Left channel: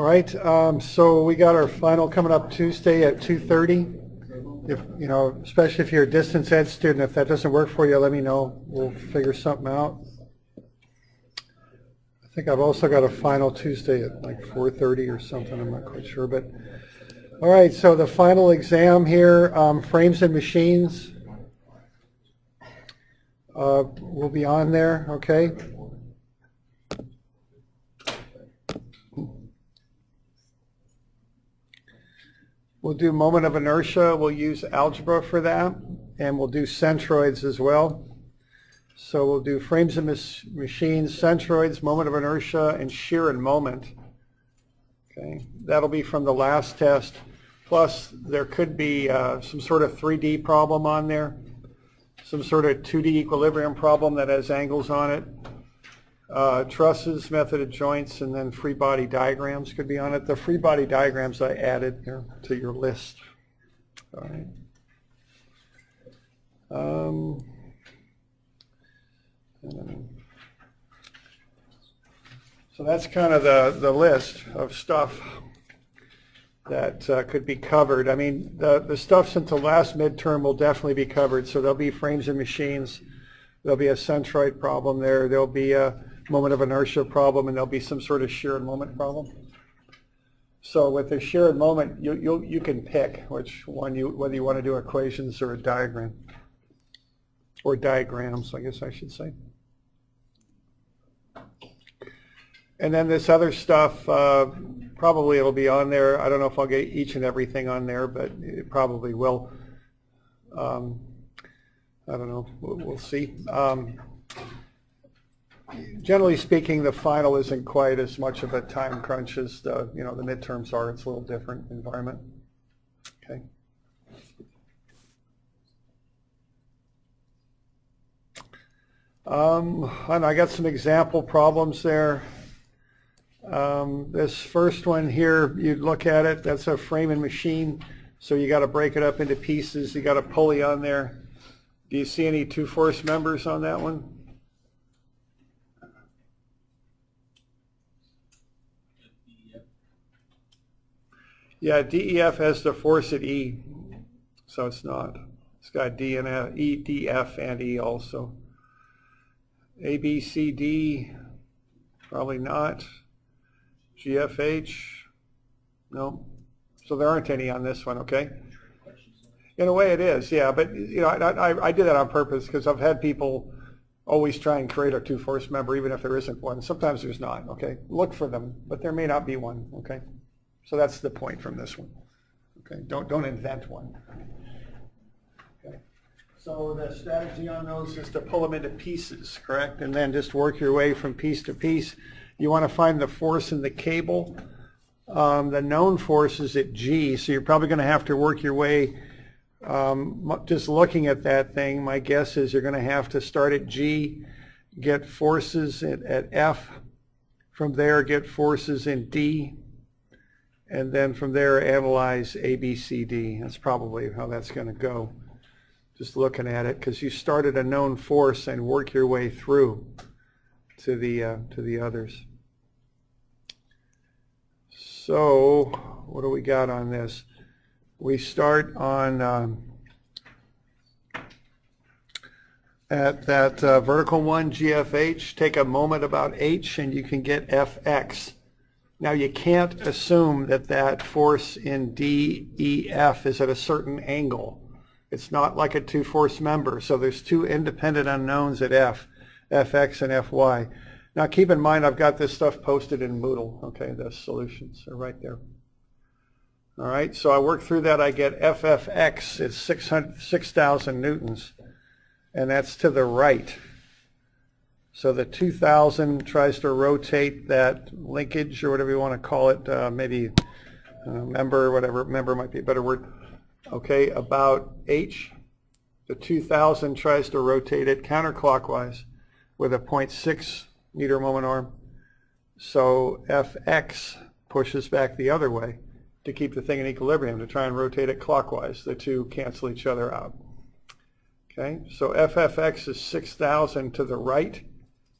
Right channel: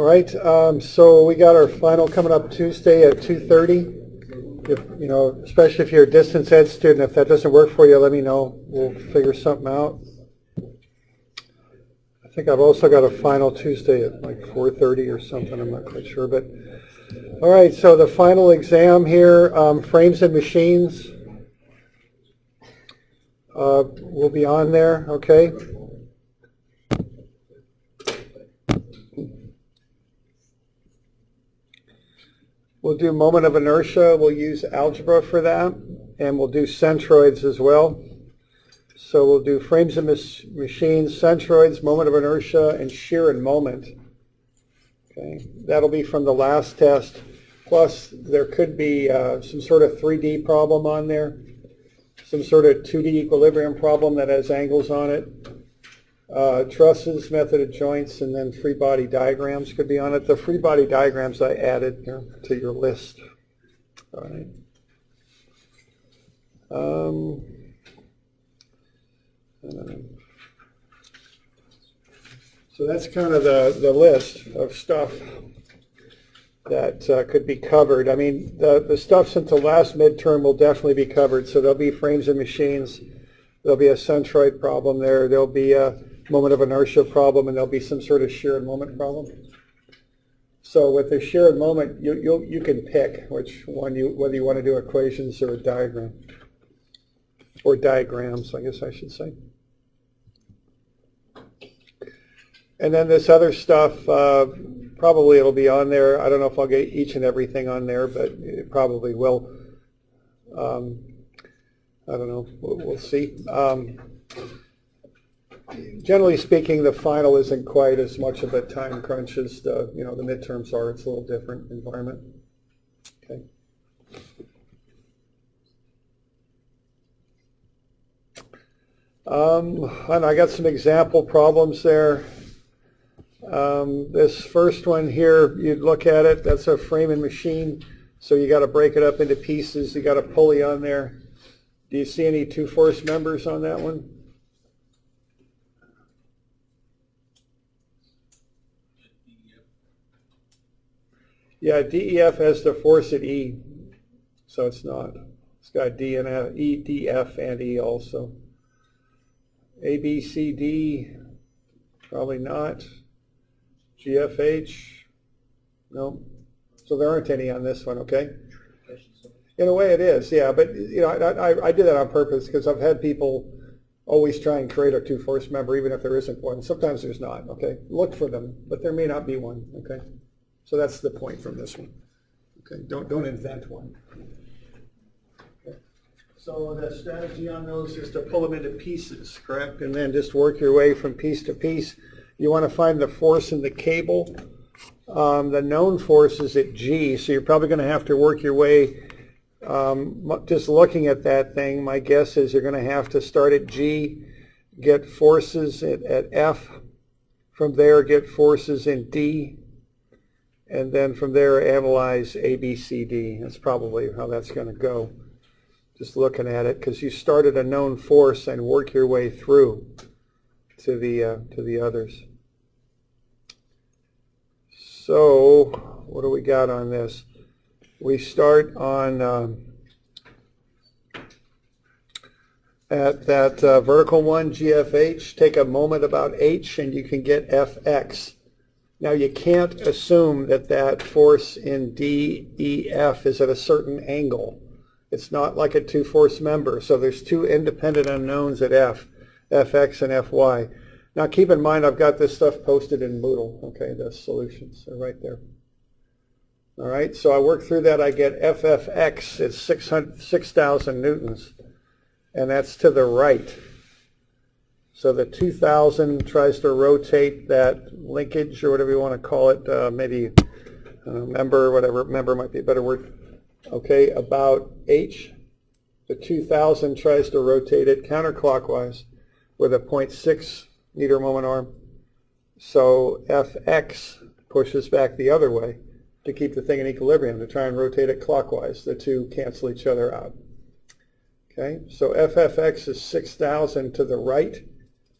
All right, so we got our final coming up Tuesday at 2:30. If, you know, especially if you're a distance ed student, if that doesn't work for you, let me know. We'll figure something out. I think I've also got a final Tuesday at like 4:30 or something. I'm not quite sure, but all right. So the final exam here, frames and machines, will be on there. Okay. We'll do moment of inertia. We'll use algebra for that, and we'll do centroids as well. So we'll do frames and machines, centroids, moment of inertia, and shear and moment. Okay, that'll be from the last test. Plus, there could be some sort of 3D problem on there, some sort of 2D equilibrium problem that has angles on it. Trusses, method of joints, and then free body diagrams could be on it. The free body diagrams I added here to your list. All right. So that's kind of the list of stuff that could be covered. I mean, the stuff since the last midterm will definitely be covered. So there'll be frames and machines. There'll be a centroid problem there. There'll be a moment of inertia problem, and there'll be some sort of shear and moment problem. So with the shear and moment, you can pick which one whether you want to do equations or a diagram, or diagrams, I guess I should say. And then this other stuff, probably it'll be on there. I don't know if I'll get each and everything on there, but it probably will. I don't know. We'll see. Generally speaking, the final isn't quite as much of a time crunch as the midterms are. It's a little different environment. Okay. And I got some example problems there. This first one here, you'd look at it. That's a frame and machine. So you got to break it up into pieces. You got a pulley on there. Do you see any two force members on that one? Yeah, DEF has the force at E, so it's not. It's got D and F, E, D, F, and E also. A, B, C, D, probably not. GFH, no. So there aren't any on this one, okay? In a way it is, yeah, but you know, I did that on purpose because I've had people always try and create a two force member even if there isn't one. Sometimes there's not, okay? Look for them, but there may not be one, okay? So that's the point from this one. Okay, don't invent one. Okay. So the strategy on those is to pull them into pieces, correct? And then just work your way from piece to piece. You want to find the force in the cable. The known force is at G, so you're probably going to have to work your way. Just looking at that thing, my guess is you're going to have to start at G, get forces at F, from there get forces in D, and then from there analyze A, B, C, D. That's probably how that's going to go. Just looking at it, because you start at a known force and work your way through to the others. So what do we got on this? We start on at that vertical one, GFH. Take a moment about H, and you can get Fx. Now you can't assume that that force in DEF is at a certain angle. It's not like a two force member. So there's two independent unknowns at F, Fx and Fy. Now keep in mind I've got this stuff posted in Moodle. Okay, the solutions are right there. All right, so I work through that. I get FFX is 6,000 newtons, and that's to the right. So the 2,000 tries to rotate that linkage, or whatever you want to call it, maybe member, or whatever, member might be a better word, okay, about H. The 2,000 tries to rotate it counterclockwise with a 0.6 meter moment arm. So Fx pushes back the other way to keep the thing in equilibrium, to try and rotate it clockwise. The two cancel each other out. Okay, so FFX is 6,000 to the right.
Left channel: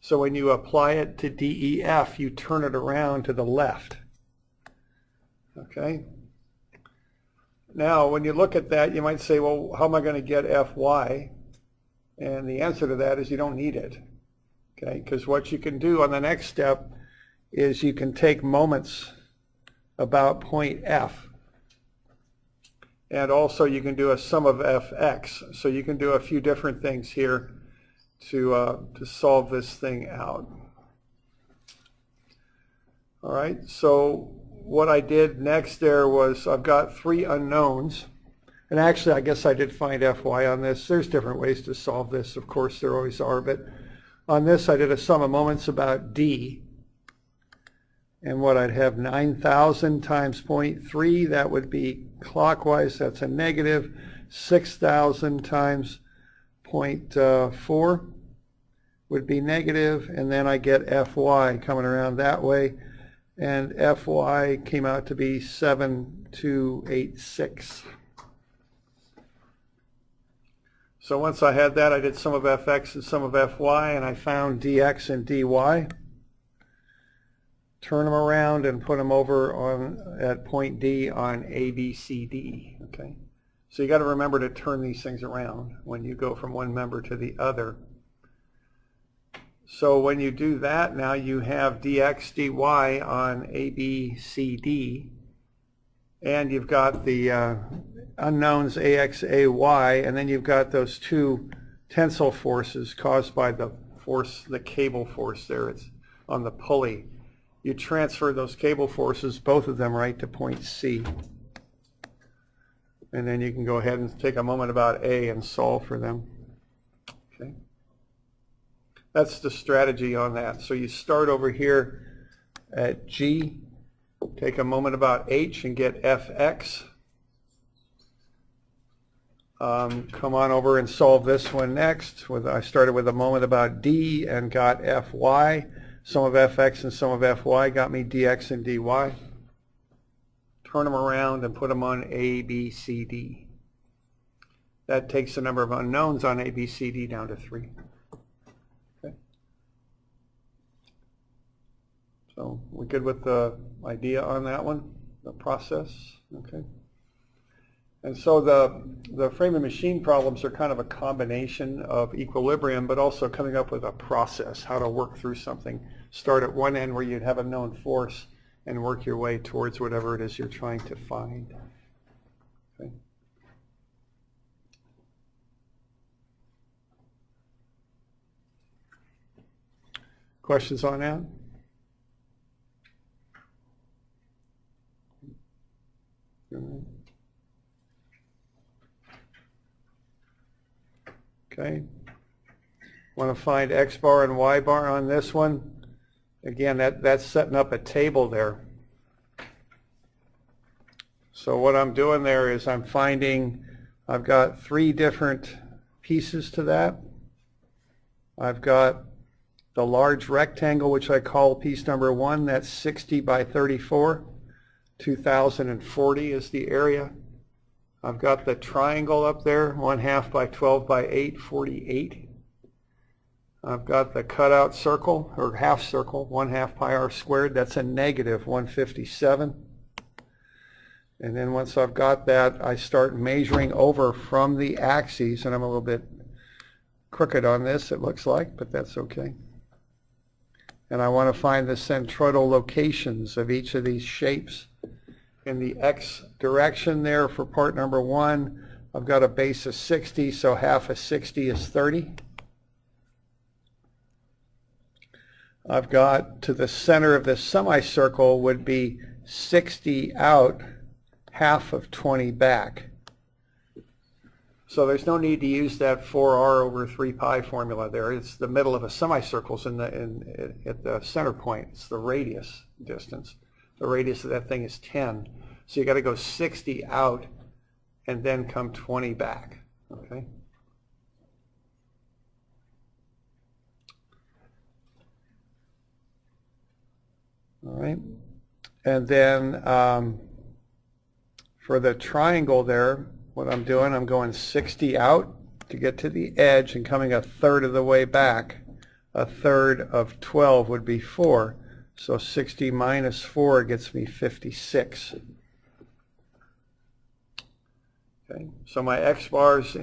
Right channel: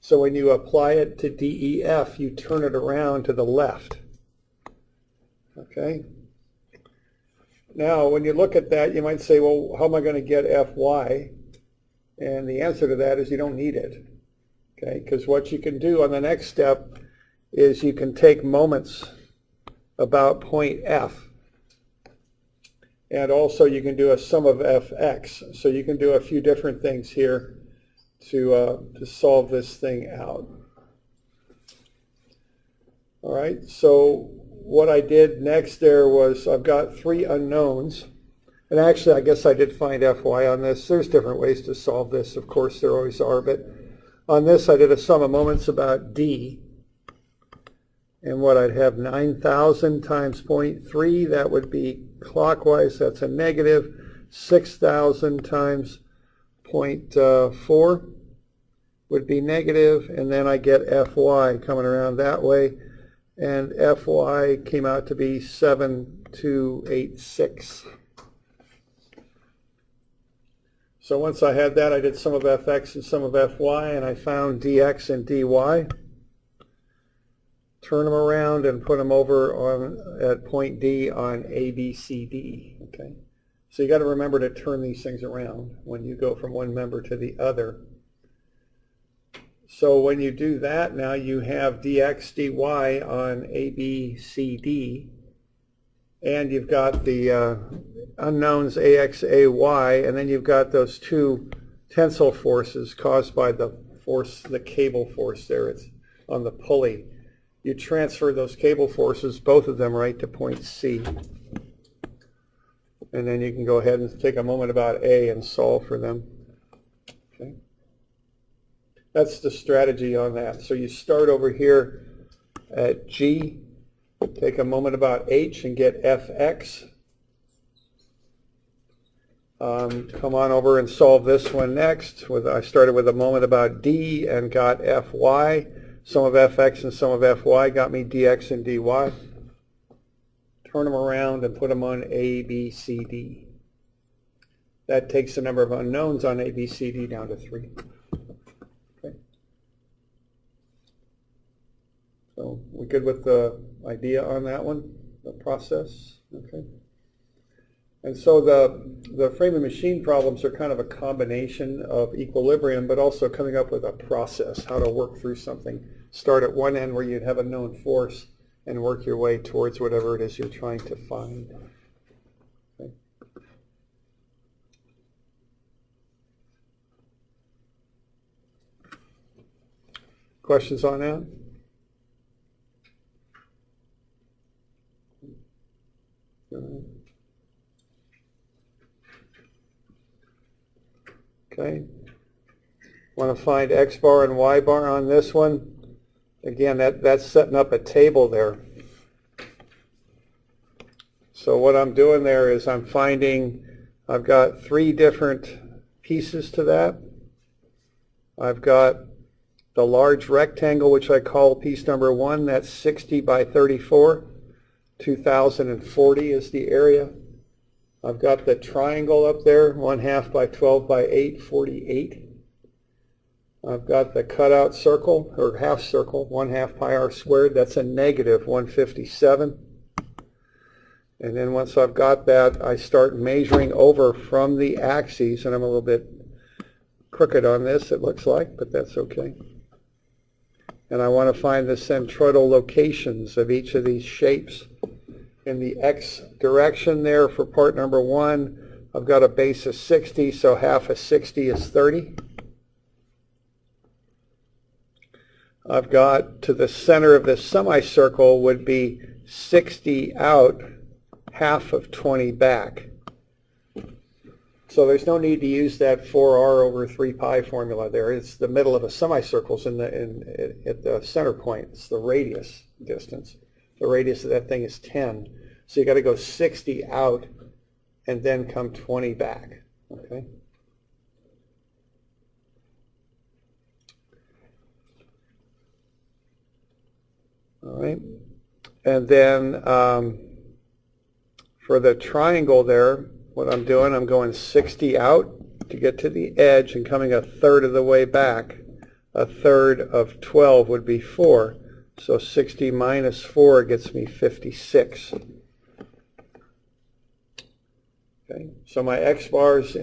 So when you apply it to DEF, you turn it around to the left. Okay. Now, when you look at that, you might say, well, how am I going to get Fy? And the answer to that is you don't need it. Okay, because what you can do on the next step is you can take moments about point F. And also you can do a sum of Fx. So you can do a few different things here to solve this thing out. All right, so what I did next there was I've got three unknowns. And actually, I guess I did find Fy on this. There's different ways to solve this. Of course, there always are. But on this, I did a sum of moments about D. And what I'd have 9,000 times 0.3, that would be clockwise. That's a negative. 6,000 times 0.4 would be negative. And then I get Fy coming around that way. And Fy came out to be 7286. So once I had that, I did sum of Fx and sum of Fy, and I found dx and dy. Turn them around and put them over on at point D on ABCD. Okay, so you got to remember to turn these things around when you go from one member to the other. So when you do that, now you have dx dy on ABCD, and you've got the unknowns AX, AY, and then you've got those two tensile forces caused by the force, the cable force there. It's on the pulley. You transfer those cable forces, both of them, right to point C. And then you can go ahead and take a moment about A and solve for them. Okay. That's the strategy on that. So you start over here at G, take a moment about H and get Fx. Come on over and solve this one next. I started with a moment about D and got Fy. Sum of Fx and sum of Fy got me dx and dy. Turn them around and put them on ABCD. That takes the number of unknowns on ABCD down to 3. Okay. So we're good with the idea on that one, the process. Okay. And so the frame and machine problems are kind of a combination of equilibrium, but also coming up with a process, how to work through something. Start at one end where you'd have a known force and work your way towards whatever it is you're trying to find. Okay. Questions on that? Okay. Want to find X bar and Y bar on this one. Again, that's setting up a table there. So what I'm doing there is I'm finding, I've got 3 different pieces to that. I've got the large rectangle, which I call piece number 1. That's 60 by 34. 2040 is the area. I've got the triangle up there, 1/2 by 12 by 8, 48. I've got the cutout circle, or half circle, 1/2 pi r squared. That's a negative 157. And then once I've got that, I start measuring over from the axes, and I'm a little bit crooked on this, it looks like, but that's okay. And I want to find the centroidal locations of each of these shapes. In the x direction there for part number 1, I've got a base of 60, so half of 60 is 30. I've got to the center of this semicircle would be 60 out, half of 20 back. So there's no need to use that 4r over 3 pi formula there. It's the middle of a semicircle at the center point. It's the radius distance. The radius of that thing is 10. So you got to go 60 out and then come 20 back. Okay. All right. And then for the triangle there, what I'm doing, I'm going 60 out to get to the edge and coming 1/3 of the way back. 1/3 of 12 would be 4. So 60 minus 4 gets me 56. Okay, so my X bars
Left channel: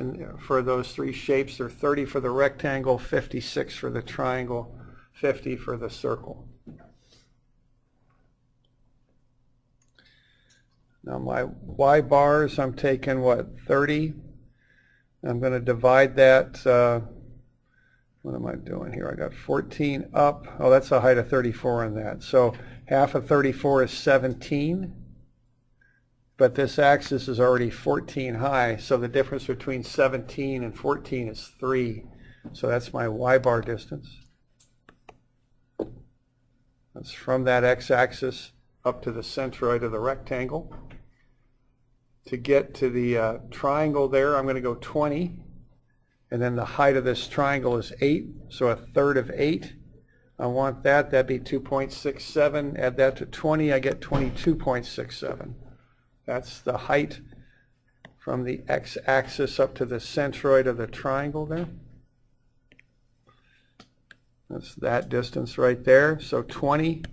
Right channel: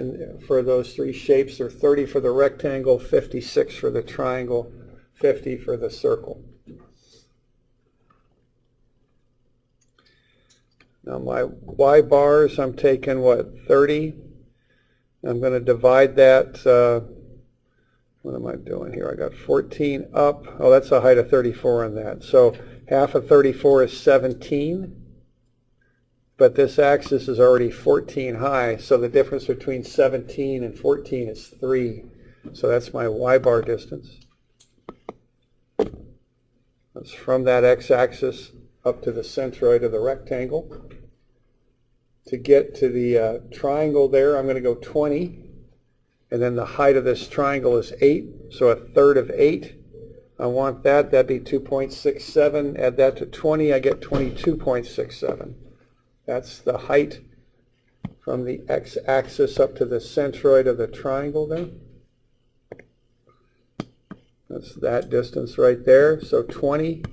for those three shapes are 30 for the rectangle, 56 for the triangle, 50 for the circle. Now my Y bars, I'm taking what, 30? I'm going to divide that, what am I doing here? I got 14 up. Oh, that's a height of 34 on that. So half of 34 is 17. But this axis is already 14 high, so the difference between 17 and 14 is 3. So that's my Y bar distance. That's from that x-axis up to the centroid of the rectangle. To get to the triangle there, I'm going to go 20. And then the height of this triangle is 8, so a third of 8. I want that. That'd be 2.67. Add that to 20, I get 22.67. That's the height from the x-axis up to the centroid of the triangle there. That's that distance right there. So 20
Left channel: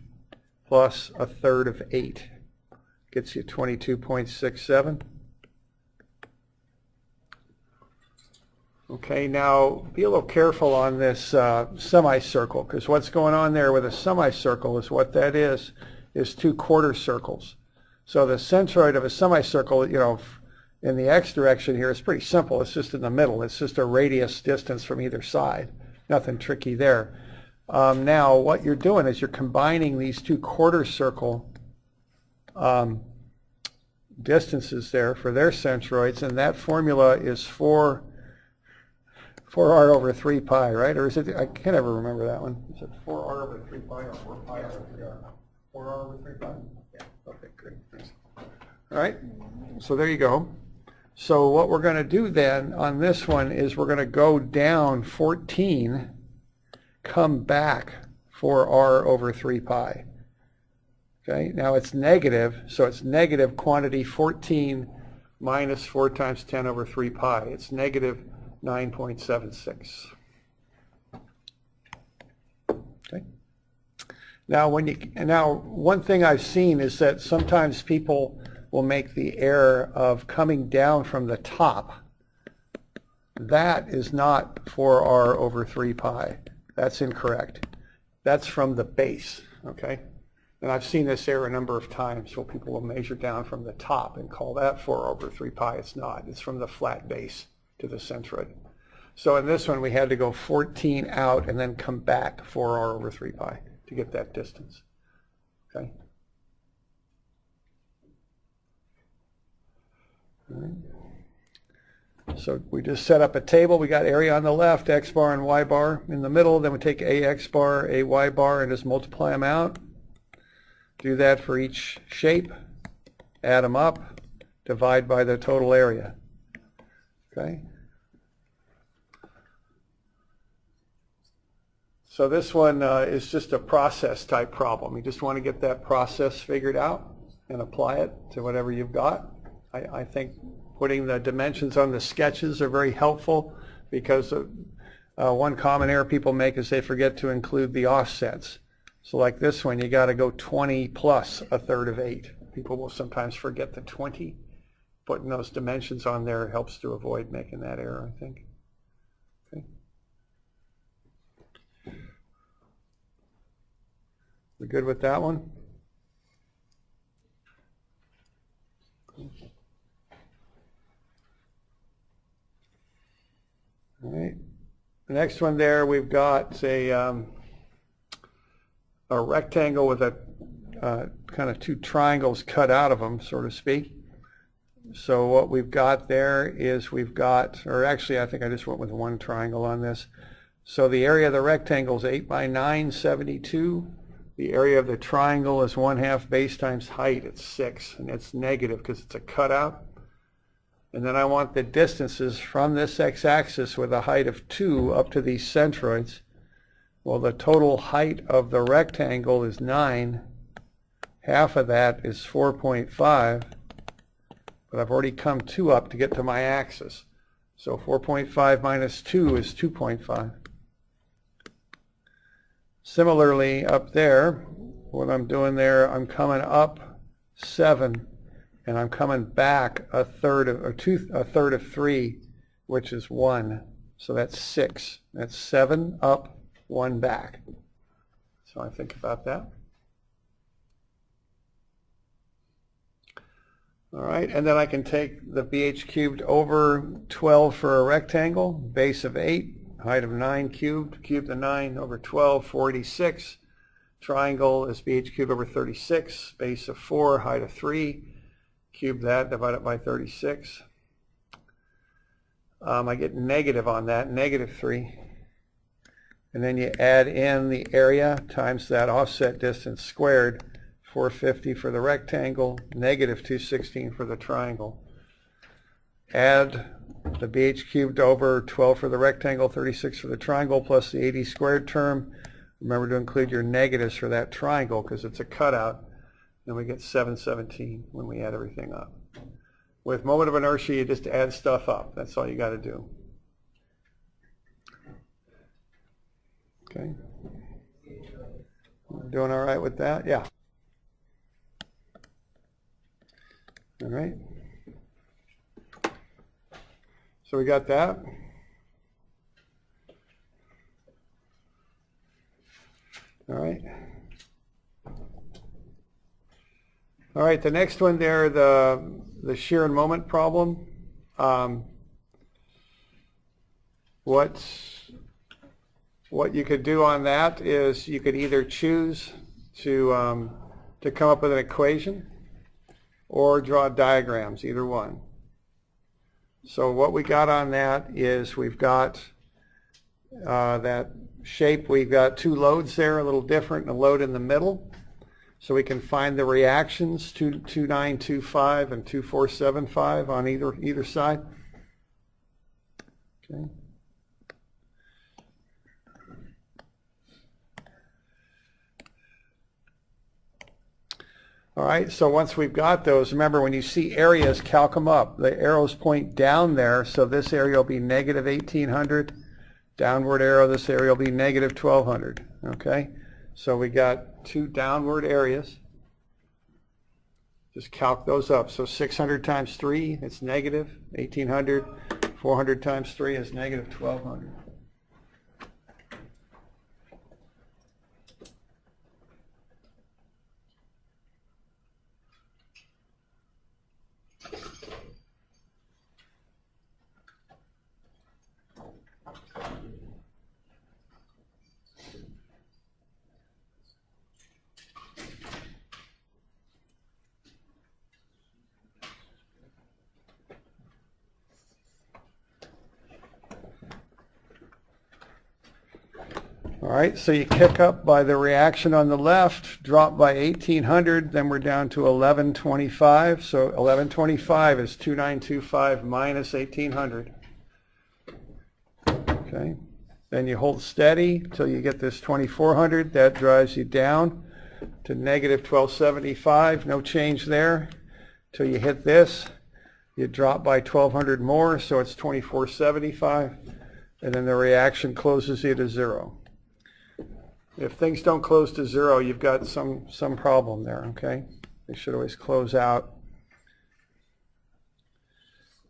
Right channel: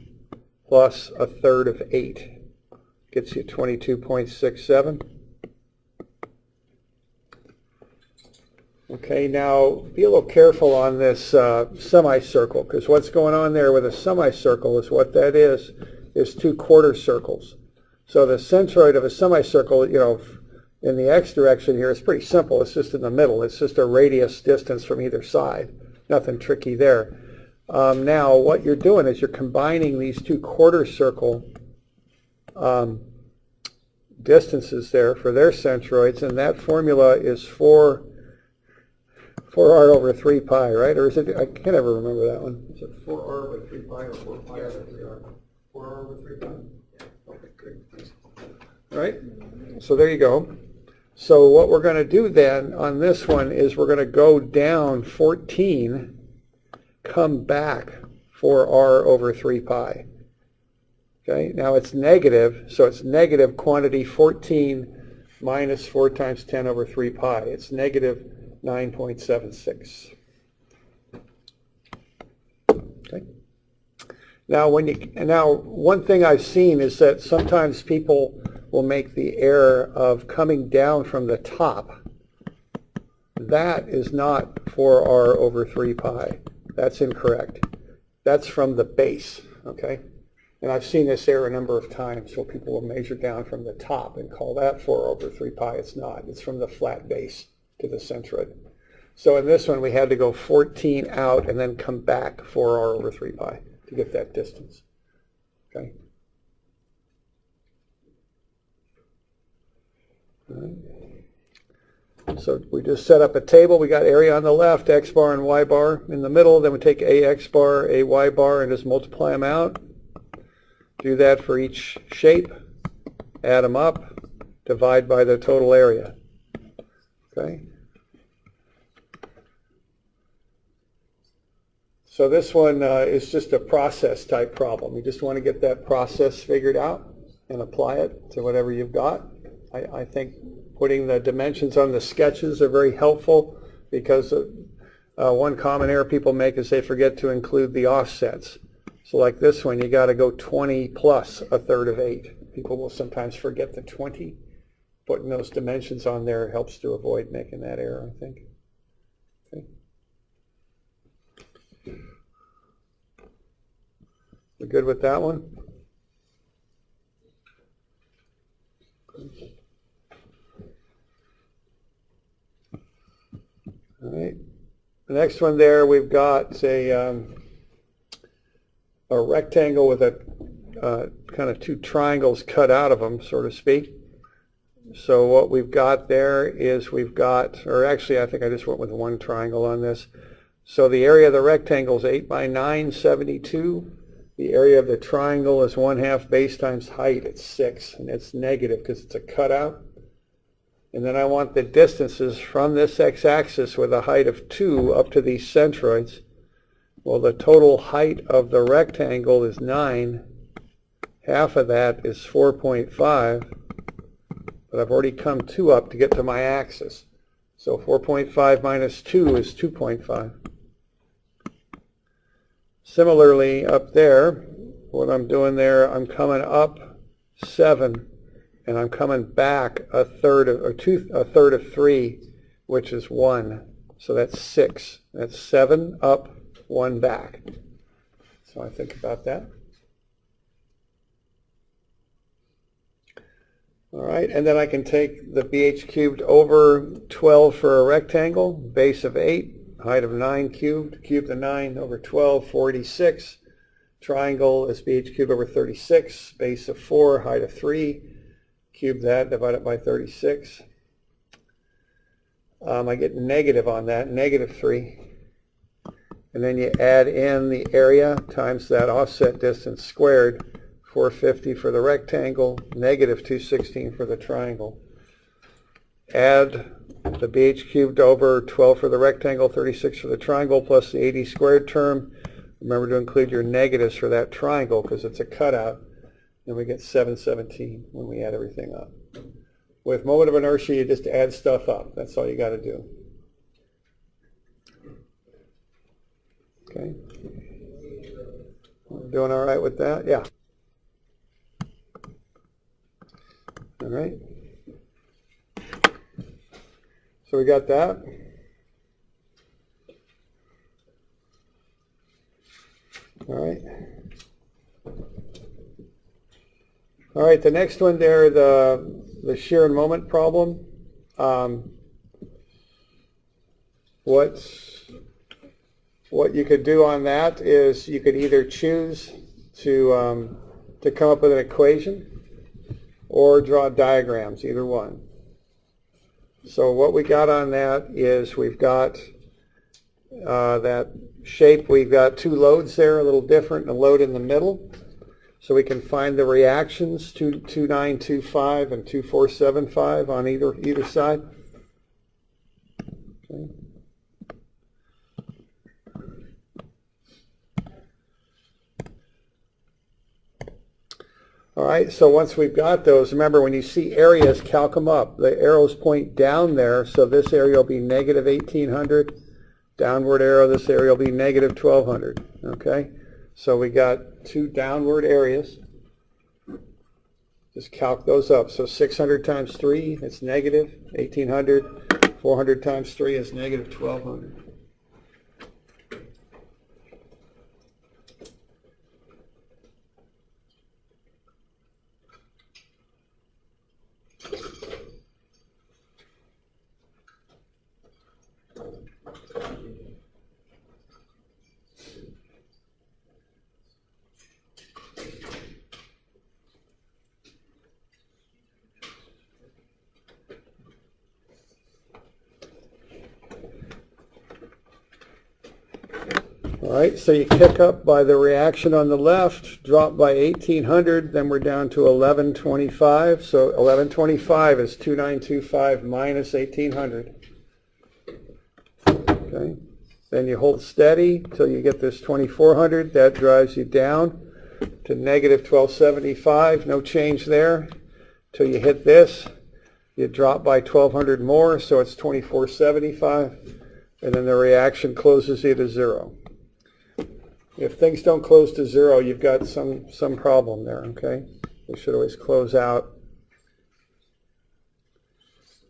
plus a third of 8 gets you 22.67. Okay, now be a little careful on this semicircle, because what's going on there with a semicircle is what that is 2 quarter circles. So the centroid of a semicircle, you know, in the x direction here is pretty simple. It's just in the middle. It's just a radius distance from either side. Nothing tricky there. Now what you're doing is you're combining these 2 quarter circle distances there for their centroids, and that formula is 4r over 3 pi, right? Or is it, I can't ever remember that one. Is it 4r over 3 pi or 4 pi over 3r? 4r over 3 pi? Okay, great, thanks. All right, so there you go. So what we're going to do then on this one is we're going to go down 14, come back 4r over 3 pi. Okay, now it's negative, so it's negative quantity 14 minus 4 times 10 over 3 pi. It's negative 9.76. Okay. Now, one thing I've seen is that sometimes people will make the error of coming down from the top. That is not 4r over 3 pi. That's incorrect. That's from the base, okay? And I've seen this error a number of times where people will measure down from the top and call that 4 over 3 pi. It's not. It's from the flat base to the centroid. So in this one, we had to go 14 out and then come back 4r over 3 pi to get that distance. Okay. All right. So we just set up a table. We got area on the left, x bar and y bar in the middle. Then we take a x bar, a y bar, and just multiply them out. Do that for each shape. Add them up. Divide by the total area. Okay. So this one is just a process type problem. You just want to get that process figured out and apply it to whatever you've got. I think putting the dimensions on the sketches are very helpful, because one common error people make is they forget to include the offsets. So like this one, you got to go 20 plus a third of 8. People will sometimes forget the 20. Putting those dimensions on there helps to avoid making that error, I think. Okay. We're good with that one? All right. The next one there, we've got a rectangle with a kind of 2 triangles cut out of them, so to speak. So what we've got there is we've got, or actually I think I just went with 1 triangle on this. So the area of the rectangle is 8 by 9, 72. The area of the triangle is 1/2 base times height. It's 6, and it's negative because it's a cutout. And then I want the distances from this x-axis with a height of 2 up to these centroids. Well, the total height of the rectangle is 9. Half of that is 4.5. But I've already come 2 up to get to my axis. So 4.5 minus 2 is 2.5. Similarly, up there, what I'm doing there, I'm coming up 7 and I'm coming back a third of 3, which is 1. So that's 6. That's 7 up, 1 back. So I think about that. All right, and then I can take the BH cubed over 12 for a rectangle, base of 8, height of 9 cubed, cube the 9 over 12, 46. Triangle is BH cubed over 36, base of 4, height of 3. Cube that, divide it by 36. I get negative on that, negative 3. And then you add in the area times that offset distance squared, 450 for the rectangle, negative 216 for the triangle. Add the BH cubed over 12 for the rectangle, 36 for the triangle, plus the 80 squared term. Remember to include your negatives for that triangle because it's a cutout. Then we get 717 when we add everything up. With moment of inertia, you just add stuff up. That's all you got to do. Okay. Doing all right with that? Yeah. All right. So we got that. All right. All right, the next one there, the shear and moment problem. What you could do on that is you could either choose to come up with an equation or draw diagrams, either one. So what we got on that is we've got that shape, we've got 2 loads there, a little different, and a load in the middle. So we can find the reactions, 2925 and 2475 on either side. Okay. All right, so once we've got those, remember when you see areas, calc them up. The arrows point down there, so this area will be negative 1800. Downward arrow, this area will be negative 1200. Okay, so we got 2 downward areas. Just calc those up. So 600 times 3, it's negative 1800. 400 times 3 is negative 1200. All right, so you kick up by the reaction on the left, drop by 1800, then we're down to 1125. So 1125 is 2925 minus 1800. Okay, then you hold steady till you get this 2400. That drives you down to negative 1275. No change there. Till you hit this, you drop by 1200 more, so it's 2475. And then the reaction closes you to 0. If things don't close to 0, you've got some problem there, okay? They should always close out.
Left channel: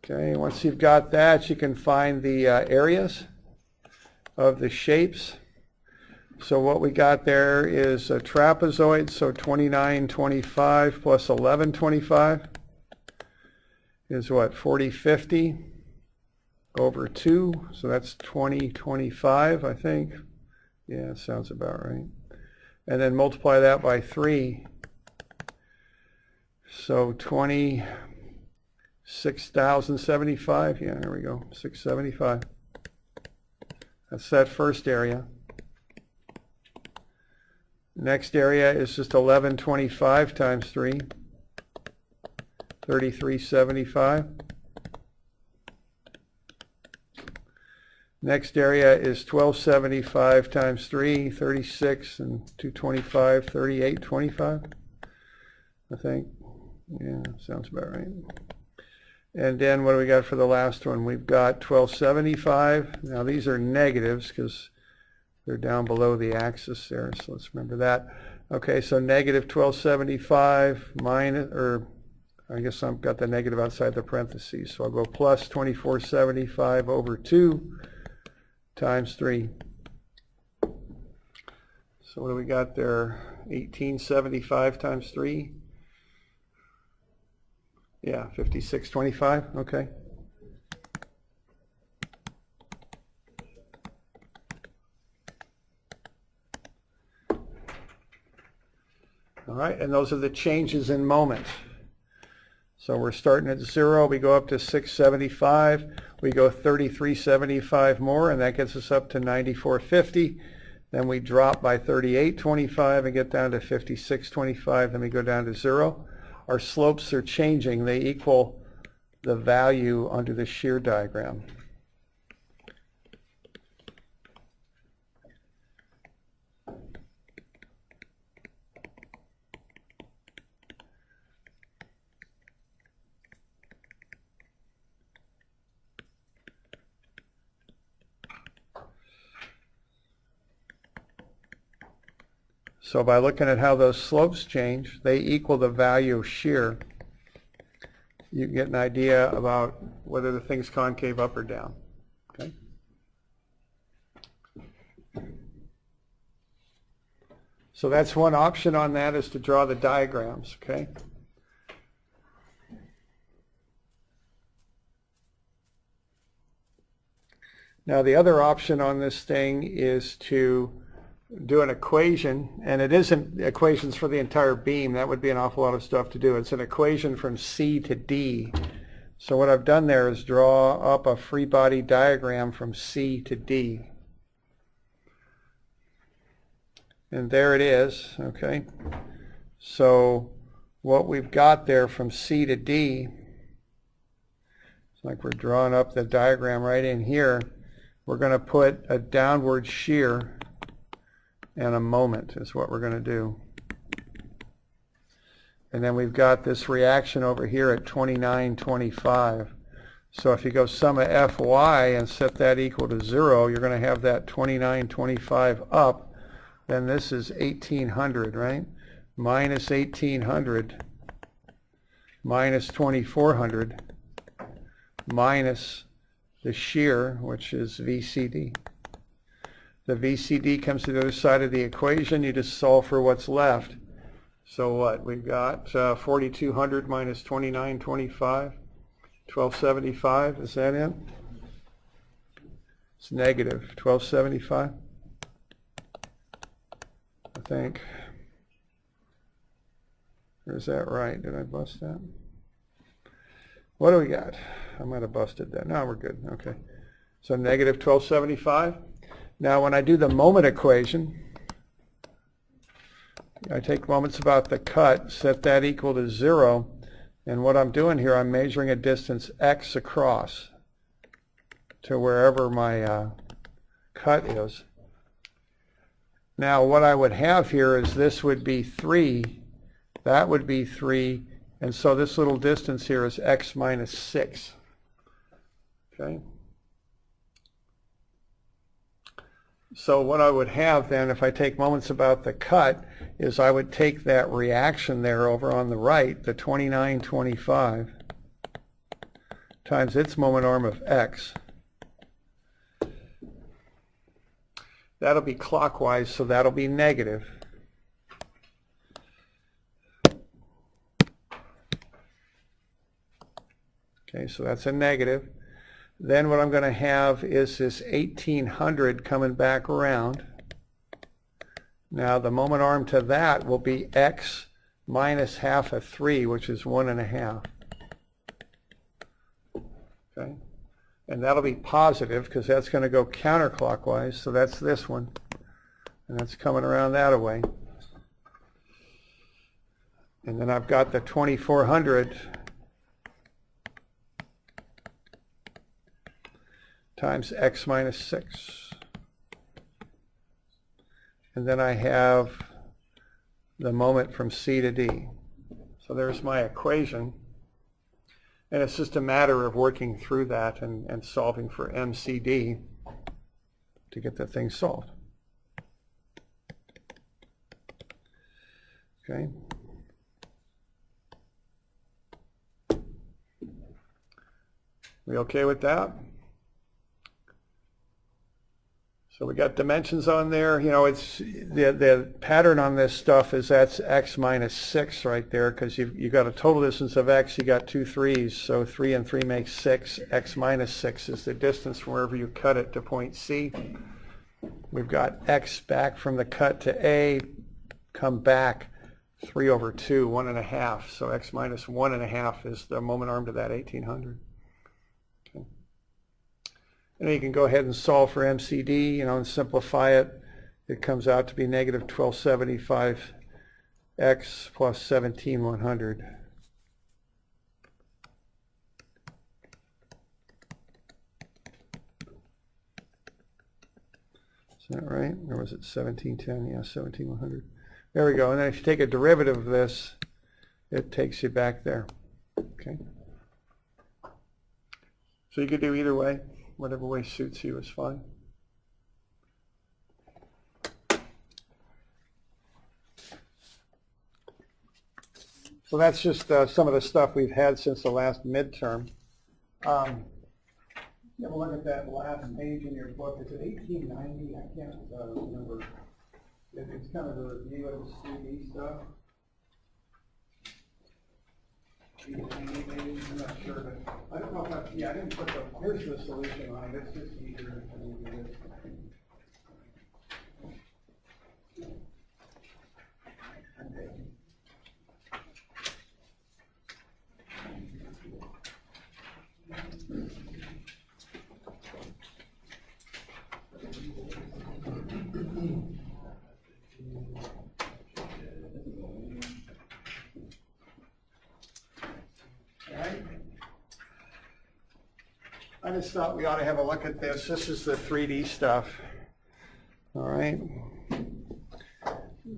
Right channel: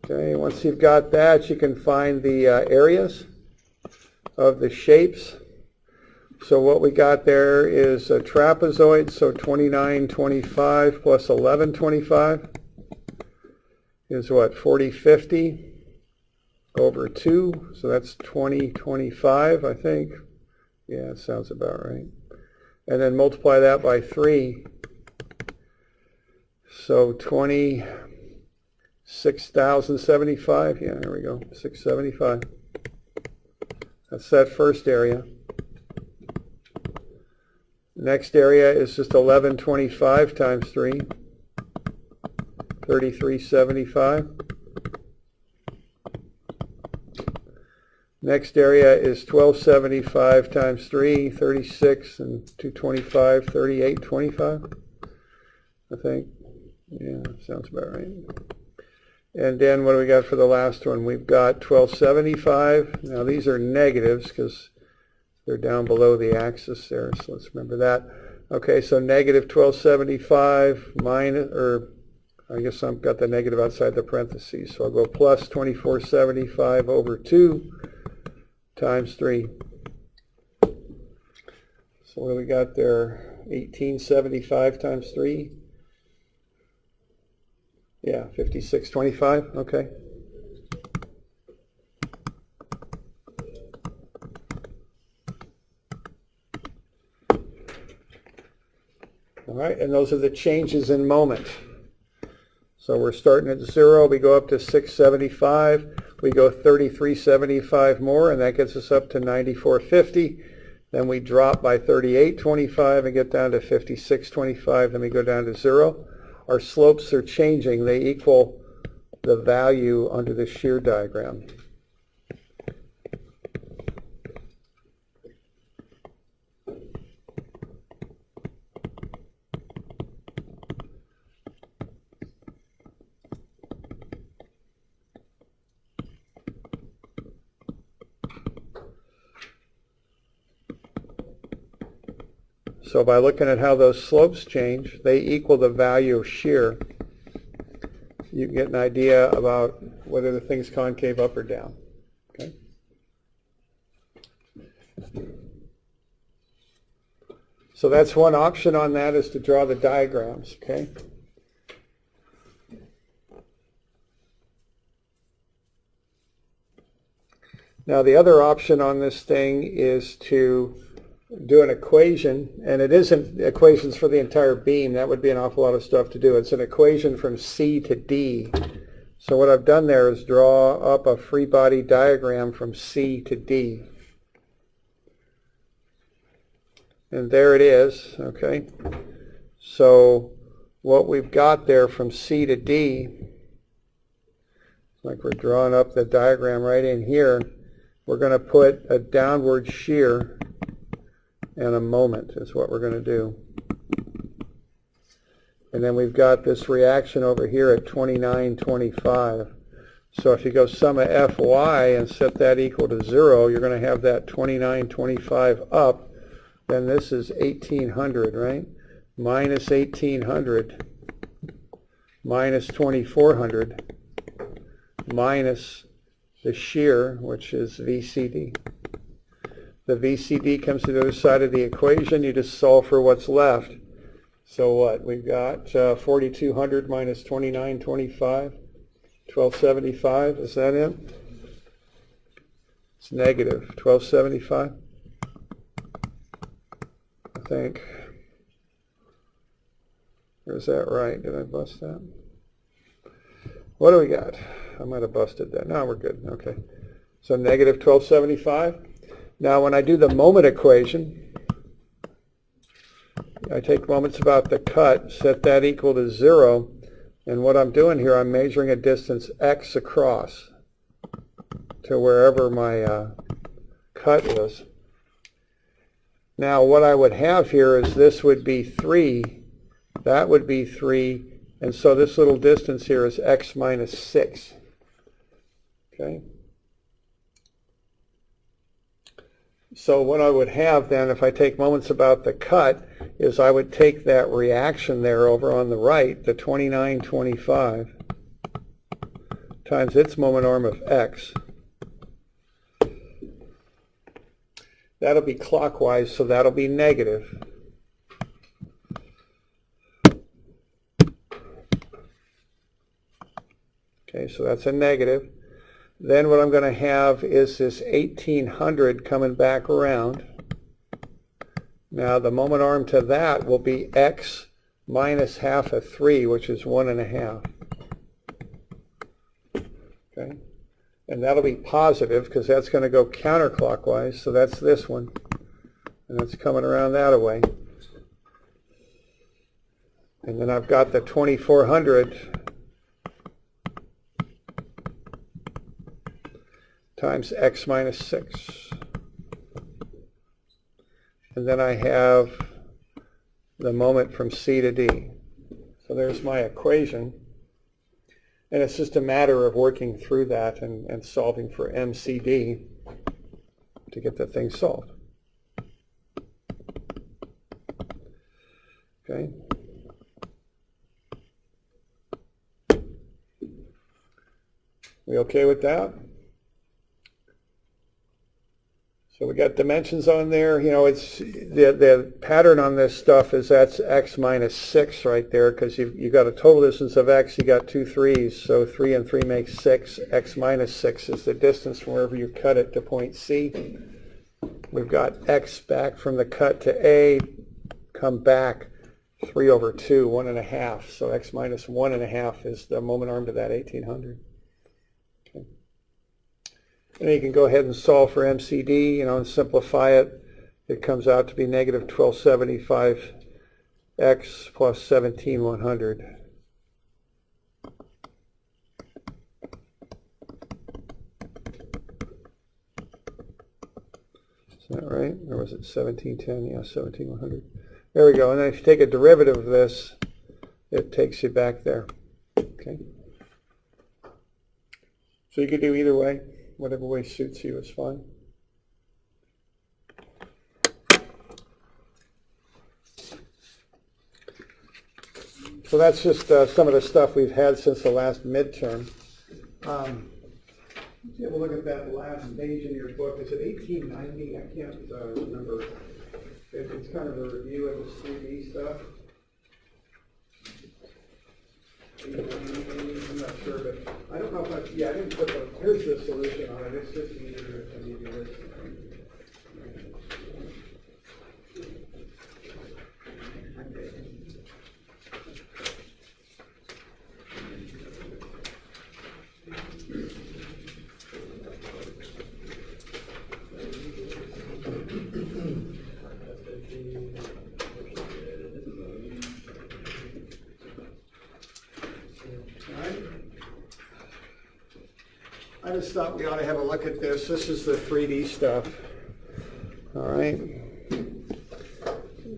Okay, once you've got that, you can find the areas of the shapes. So what we got there is a trapezoid, so 2925 plus 1125 is what, 4050 over 2, so that's 2025, I think. Yeah, sounds about right. And then multiply that by 3. So 26,075. Yeah, there we go. 675. That's that first area. Next area is just 1125 times 3. 3375. Next area is 1275 times 3, 36, and 225, 3825, I think. Yeah, sounds about right. And then what do we got for the last one? We've got 1275. Now these are negatives because they're down below the axis there, so let's remember that. Okay, so negative 1275 minus, or I guess I've got the negative outside the parentheses. So I'll go plus 2475 over 2 times 3. So what do we got there? 1875 times 3? Yeah, 5625, okay. All right, and those are the changes in moment. So we're starting at 0, we go up to 675, we go 3375 more, and that gets us up to 9450. Then we drop by 3825 and get down to 5625, then we go down to 0. Our slopes are changing, they equal the value under the shear diagram. So by looking at how those slopes change, they equal the value of shear. You get an idea about whether the thing's concave up or down. Okay? So that's one option on that, is to draw the diagrams. Okay? Now the other option on this thing is to do an equation, and it isn't equations for the entire beam. That would be an awful lot of stuff to do. It's an equation from C to D. So what I've done there is draw up a free body diagram from C to D. And there it is, okay? So what we've got there from C to D, it's like we're drawing up the diagram right in here. We're going to put a downward shear and a moment is what we're going to do. And then we've got this reaction over here at 2925. So if you go sum of Fy and set that equal to 0, you're going to have that 2925 up. Then this is 1800, right? Minus 1800 minus 2400 minus the shear, which is VCD. The VCD comes to the other side of the equation. You just solve for what's left. So what? We've got 4200 minus 2925, 1275. Is that it? It's negative 1275, I think. Or is that right? Did I bust that? What do we got? I might have busted that. No, we're good. Okay. So negative 1275. Now when I do the moment equation, I take moments about the cut, set that equal to 0, and what I'm doing here, I'm measuring a distance x across to wherever my cut is. Now what I would have here is this would be 3, that would be 3, and so this little distance here is x minus 6. Okay. So what I would have then, if I take moments about the cut, is I would take that reaction there over on the right, the 2925, times its moment arm of x. That'll be clockwise, so that'll be negative. Okay, so that's a negative. Then what I'm going to have is this 1800 coming back around. Now the moment arm to that will be x minus half of 3, which is 1.5. Okay, and that'll be positive because that's going to go counterclockwise, so that's this one. And it's coming around that way. And then I've got the 2400 times x minus 6. And then I have the moment from C to D. So there's my equation. And it's just a matter of working through that and solving for MCD to get the thing solved. Okay. We okay with that? So we got dimensions on there. You know, it's the pattern on this stuff is that's x minus 6 right there, because you got a total distance of x, you got 2 3s, so 3 and 3 makes 6. X minus 6 is the distance from wherever you cut it to point C. We've got x back from the cut to A, come back 3 over 2, 1.5. So x minus 1.5 is the moment arm to that 1800. Okay. And then you can go ahead and solve for MCD, you know, and simplify it. It comes out to be negative 1275x plus 17,100. Is that right? Or was it 1710? Yeah, 17,100. There we go. And then if you take a derivative of this, it takes you back there. Okay. So you could do either way. Whatever way suits you is fine. So that's just some of the stuff we've had since the last midterm. Let's have a look at that last page in your book. Is it 1890? I can't remember. It's kind of a review of this 3D stuff. I'm not sure, but I don't know if I didn't put here's the solution on it. It's just easier for me to do this. I just thought we ought to have a look at this. This is the 3D stuff. All right.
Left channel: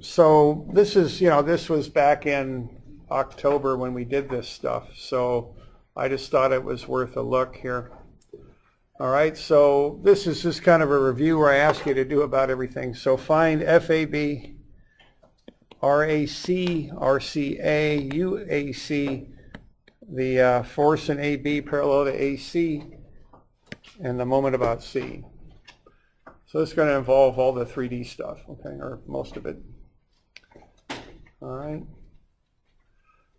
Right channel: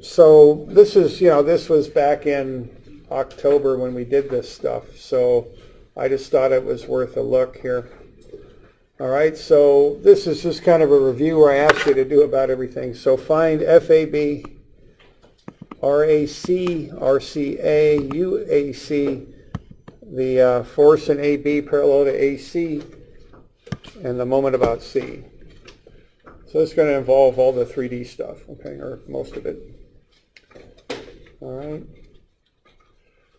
So this is, you know, this was back in October when we did this stuff. So I just thought it was worth a look here. All right. So this is just kind of a review where I asked you to do about everything. So find FAB, RAC, RCA, UAC, the force in AB parallel to AC, and the moment about C. So this is going to involve all the 3D stuff, okay, or most of it. All right.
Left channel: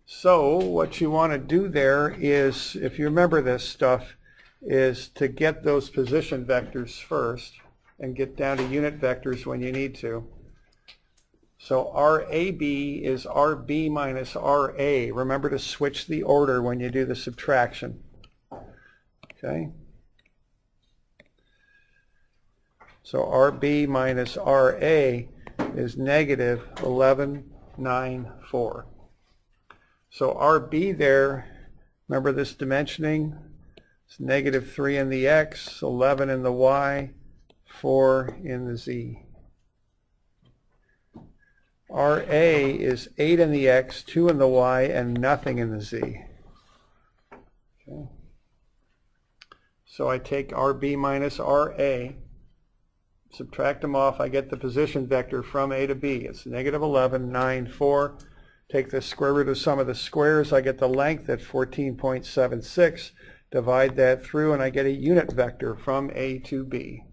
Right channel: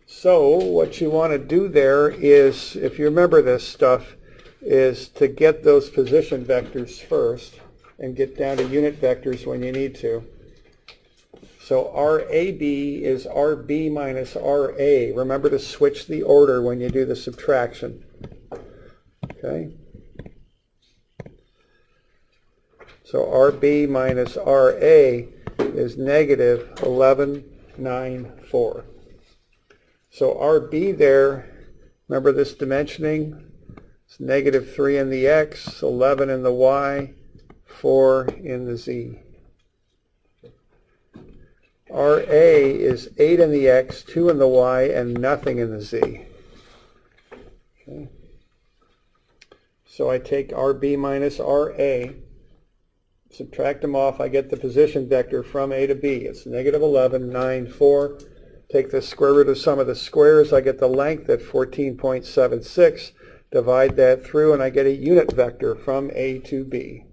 So what you want to do there is, if you remember this stuff, is to get those position vectors first and get down to unit vectors when you need to. So RAB is RB minus RA. Remember to switch the order when you do the subtraction. Okay. So RB minus RA is negative 1194. So RB there, remember this dimensioning? It's negative 3 in the X, 11 in the Y, 4 in the Z. RA is 8 in the X, 2 in the Y, and nothing in the Z. Okay. So I take RB minus RA, subtract them off, I get the position vector from A to B. It's negative 11, 9, 4. Take the square root of sum of the squares, I get the length at 14.76. Divide that through, and I get a unit vector from A to B.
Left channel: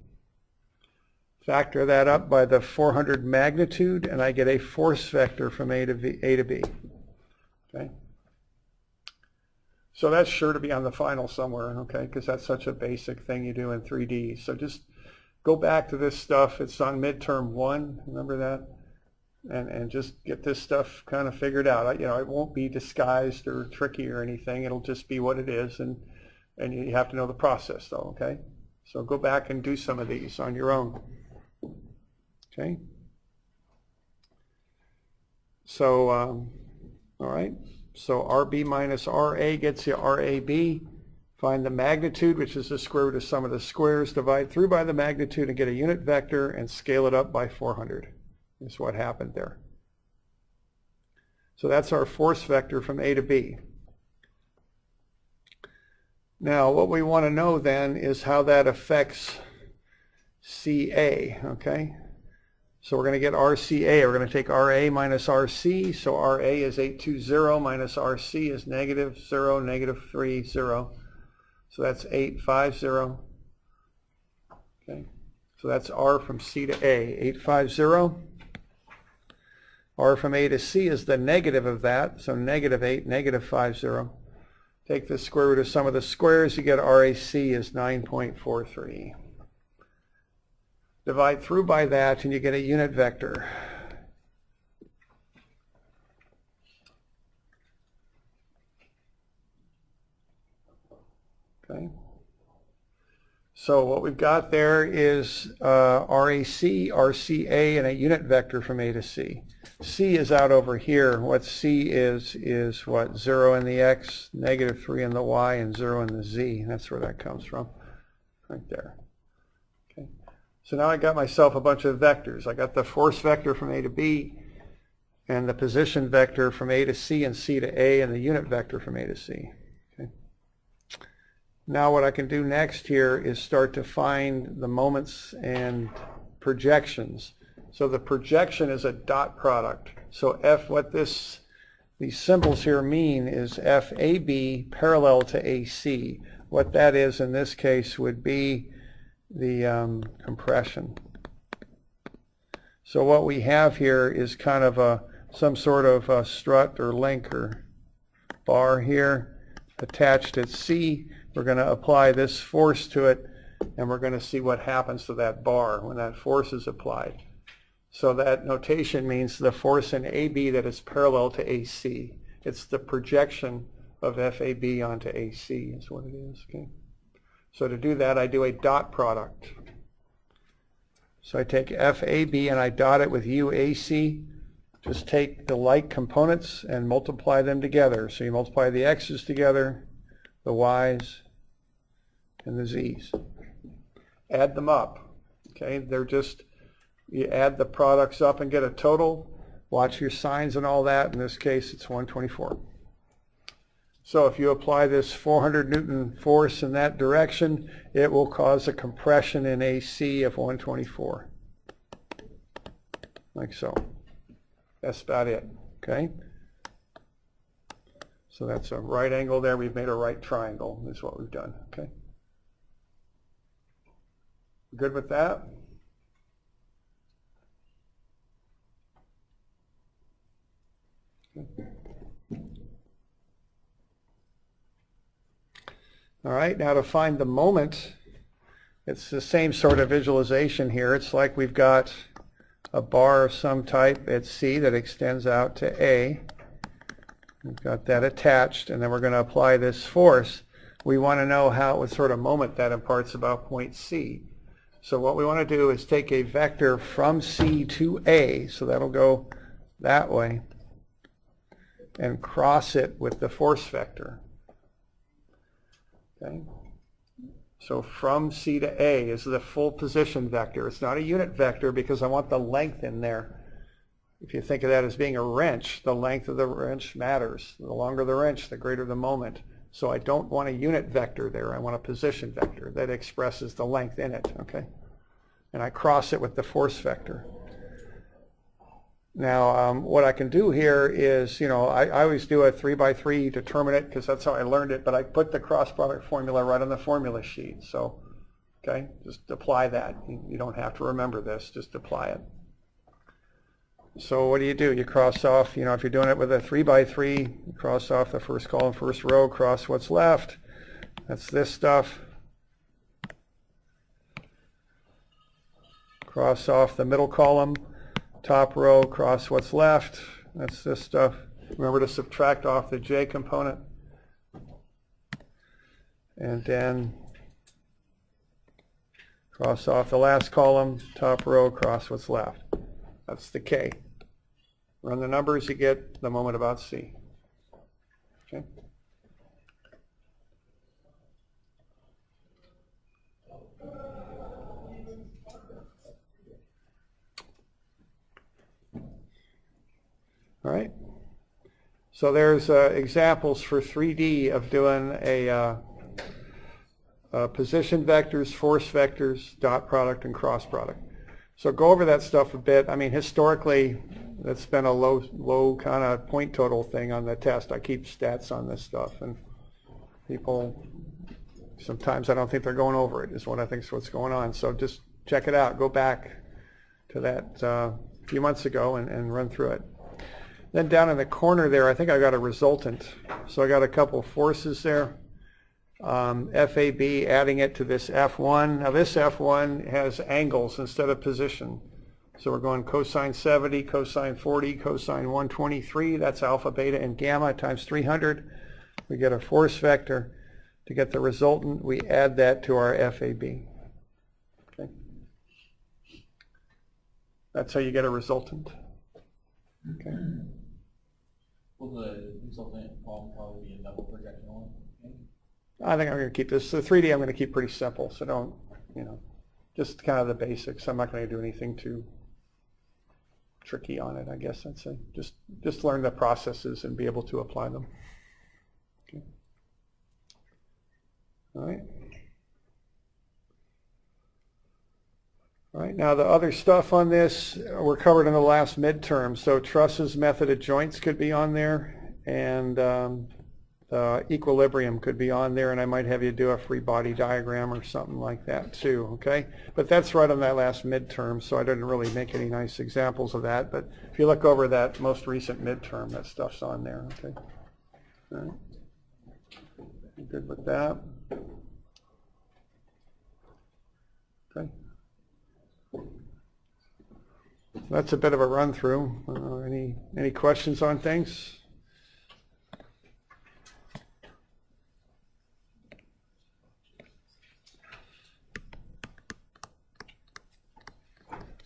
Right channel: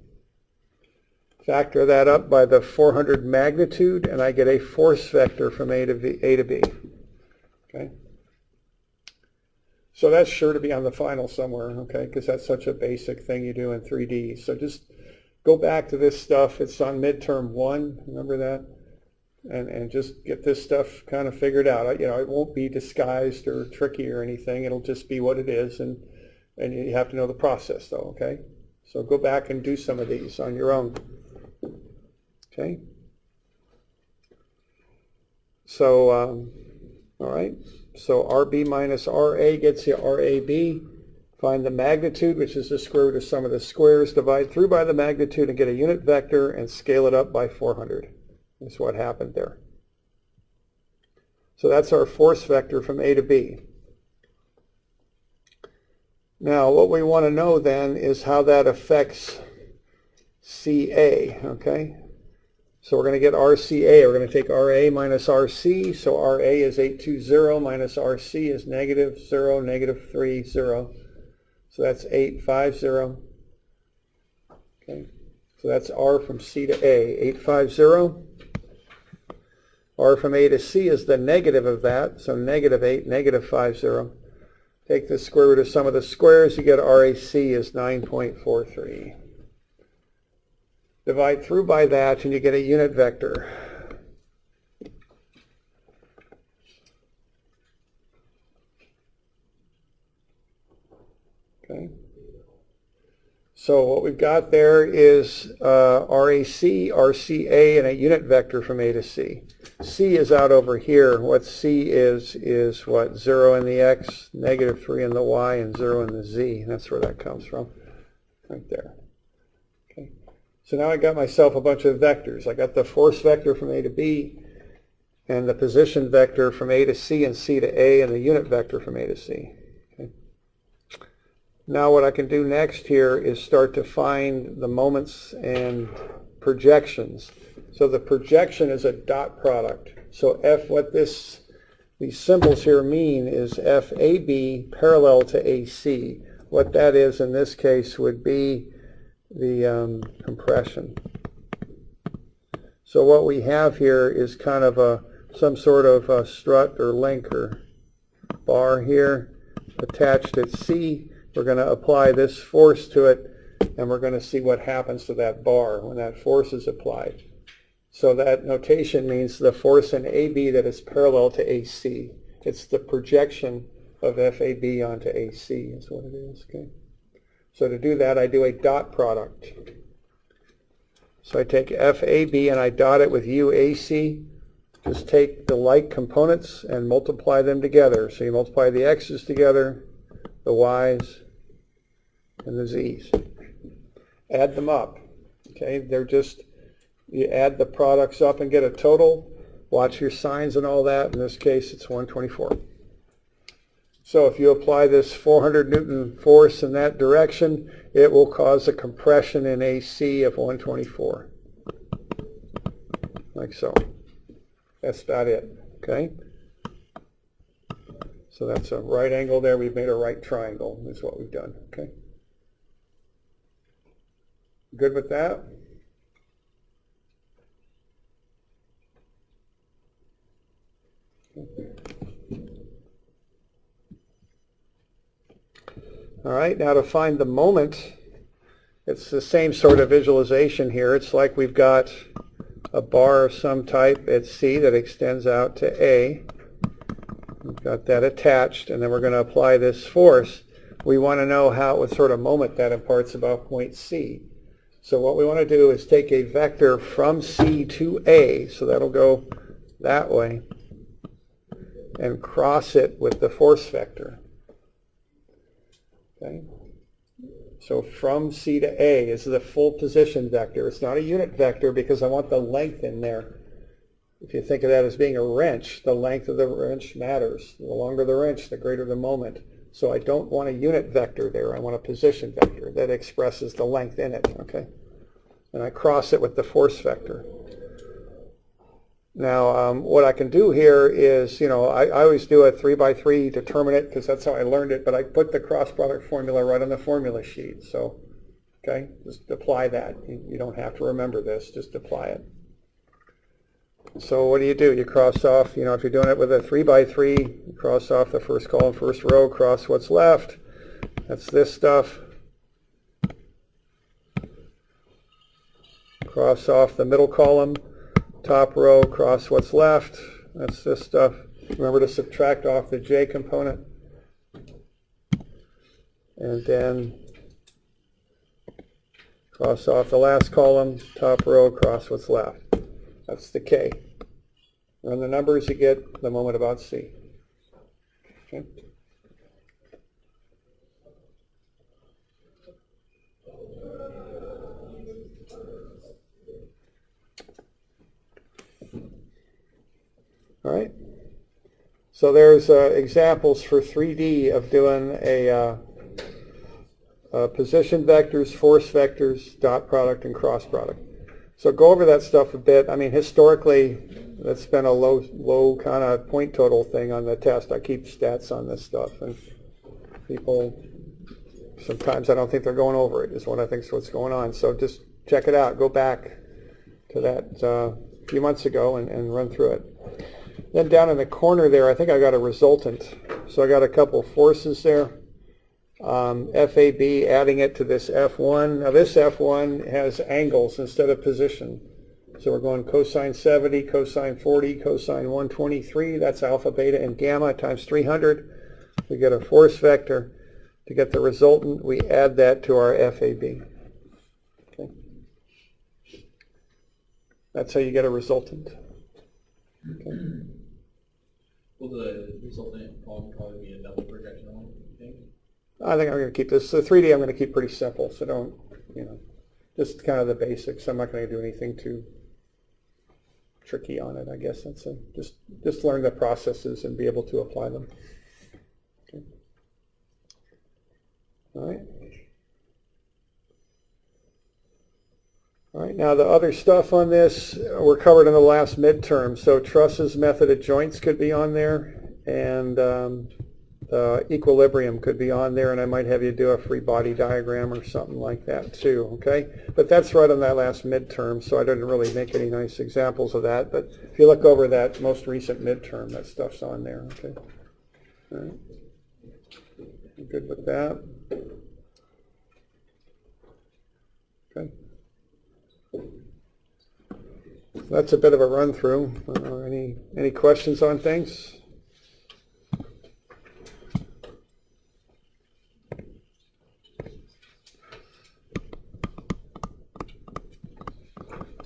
Factor that up by the 400 magnitude, and I get a force vector from A to B. Okay? So that's sure to be on the final somewhere, okay, because that's such a basic thing you do in 3D. So just go back to this stuff. It's on midterm 1, remember that? And just get this stuff kind of figured out. You know, it won't be disguised or tricky or anything. It'll just be what it is, and you have to know the process, though, okay? So go back and do some of these on your own. Okay? So, all right. So RB minus RA gets you RAB. Find the magnitude, which is the square root of sum of the squares. Divide through by the magnitude and get a unit vector and scale it up by 400. That's what happened there. So that's our force vector from A to B. Now, what we want to know then is how that affects CA, okay? So we're going to get RCA. We're going to take RA minus RC. So RA is 820 minus RC is negative 0, negative 3, 0. So that's 850. Okay, so that's R from C to A, 850. R from A to C is the negative of that, so -8, -50. Take the square root of sum of the squares, you get RAC is 9.43. Divide through by that and you get a unit vector. Okay. So what we've got there is RAC, RCA, and a unit vector from A to C. C is out over here. What C is what? 0 in the X, -3 in the Y, and 0 in the Z. That's where that comes from, right there. Okay. So now I got myself a bunch of vectors. I got the force vector from A to B, and the position vector from A to C and C to A, and the unit vector from A to C. Okay. Now what I can do next here is start to find the moments and projections. So the projection is a dot product. So what these symbols here mean is FAB parallel to AC. What that is in this case would be the compression. So what we have here is kind of some sort of a strut or link or bar here attached at C. We're going to apply this force to it, and we're going to see what happens to that bar when that force is applied. So that notation means the force in AB that is parallel to AC. It's the projection of FAB onto AC is what it is. Okay. So to do that, I do a dot product. So I take FAB and I dot it with UAC. Just take the like components and multiply them together. So you multiply the X's together, the Y's, and the Z's. Add them up. Okay, they're just, you add the products up and get a total. Watch your signs and all that. In this case, it's 124. So if you apply this 400 Newton force in that direction, it will cause a compression in AC of 124. Like so. That's about it. Okay? So that's a right angle there. We've made a right triangle is what we've done. Okay? Good with that? All right, now to find the moment, it's the same sort of visualization here. It's like we've got a bar of some type at C that extends out to A. We've got that attached, and then we're going to apply this force. We want to know what sort of moment that imparts about point C. So what we want to do is take a vector from C to A, so that'll go that way, and cross it with the force vector. Okay. So from C to A is the full position vector. It's not a unit vector because I want the length in there. If you think of that as being a wrench, the length of the wrench matters. The longer the wrench, the greater the moment. So I don't want a unit vector there. I want a position vector that expresses the length in it. Okay, and I cross it with the force vector. Now, what I can do here is, I always do a 3x3 determinant because that's how I learned it, but I put the cross product formula right on the formula sheet. So, okay, just apply that. You don't have to remember this, just apply it. So what do? You cross off, if you're doing it with a 3x3, you cross off the first column, first row, cross what's left. That's this stuff. Cross off the middle column. Top row, cross what's left. That's this stuff. Remember to subtract off the J component. And then cross off the last column, top row, cross what's left. That's the K. Run the numbers, you get the moment about C. Okay. All right. So there's examples for 3D of doing a position vectors, force vectors, dot product, and cross product. So go over that stuff a bit. I mean, historically, it's been a low kind of point total thing on the test. I keep stats on this stuff, and people Sometimes I don't think they're going over it, is what I think is what's going on. So just check it out. Go back to that a few months ago and run through it. Then down in the corner there, I think I got a resultant. So I got a couple forces there. FAB, adding it to this F1. Now this F1 has angles instead of position. So we're going cosine 70, cosine 40, cosine 123. That's alpha, beta, and gamma times 300. We get a force vector. To get the resultant, we add that to our FAB. Okay. That's how you get a resultant. Okay. Will the resultant problem probably be a double projection one, you think? I think I'm going to keep this. The 3D I'm going to keep pretty simple, so don't, just kind of the basics. I'm not going to do anything too tricky on it, I guess. That's it. Just learn the processes and be able to apply them. Okay. All right. All right, now the other stuff on this were covered in the last midterm. So trusses, method of joints could be on there, and the equilibrium could be on there, and I might have you do a free body diagram or something like that too, okay? But that's right on that last midterm, so I didn't really make any nice examples of that, but if you look over that most recent midterm, that stuff's on there, okay? All right. I'm good with that. Okay. That's a bit of a run through. Any questions on things?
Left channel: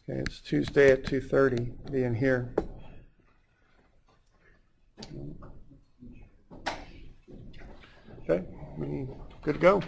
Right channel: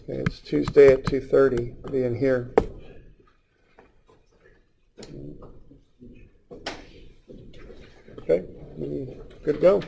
Okay, it's Tuesday at 2:30. Be in here. Okay, good to go.